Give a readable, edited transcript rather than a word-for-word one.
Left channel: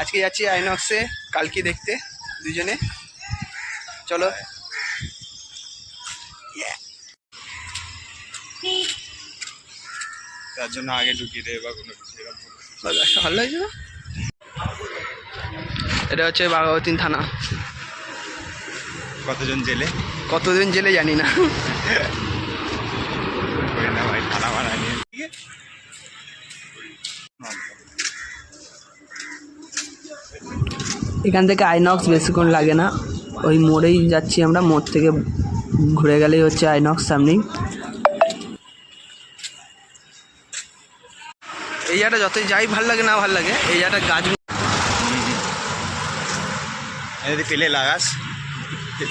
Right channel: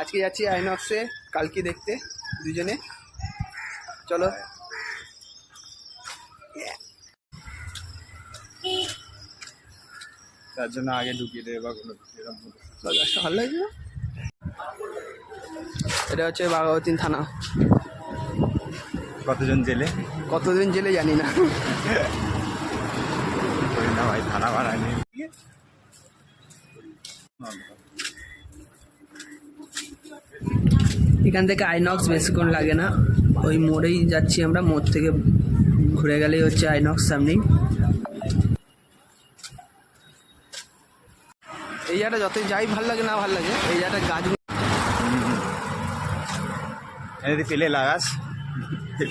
আজকে যাচ্ছি আইনক্সে কালকি দেখতে দুজনে, চলো। তার জন্য আগে ঢুকিয়ে দেবে বা কোনো কিছু এরকম ভালো লাগছে না? এটা হচ্ছে বাঘাযতীন থানা। কতজন জেলে, কতদিন জেলে জানি না। না ভাই থানা ভাড়া নিয়ে এখান থেকে আইনক্স বেশিক্ষণ লাগে না, ওই মোড়েই যাচ্ছি আমরা, মোড় থেকে ঘুরে গেলেই হচ্ছে আইনক্স সামনেই। এই জায়গাটা যতই যাই ভাল লাগে না ভাল লাগে, এই জায়গাটা গাছ যদি পেলে লাগাস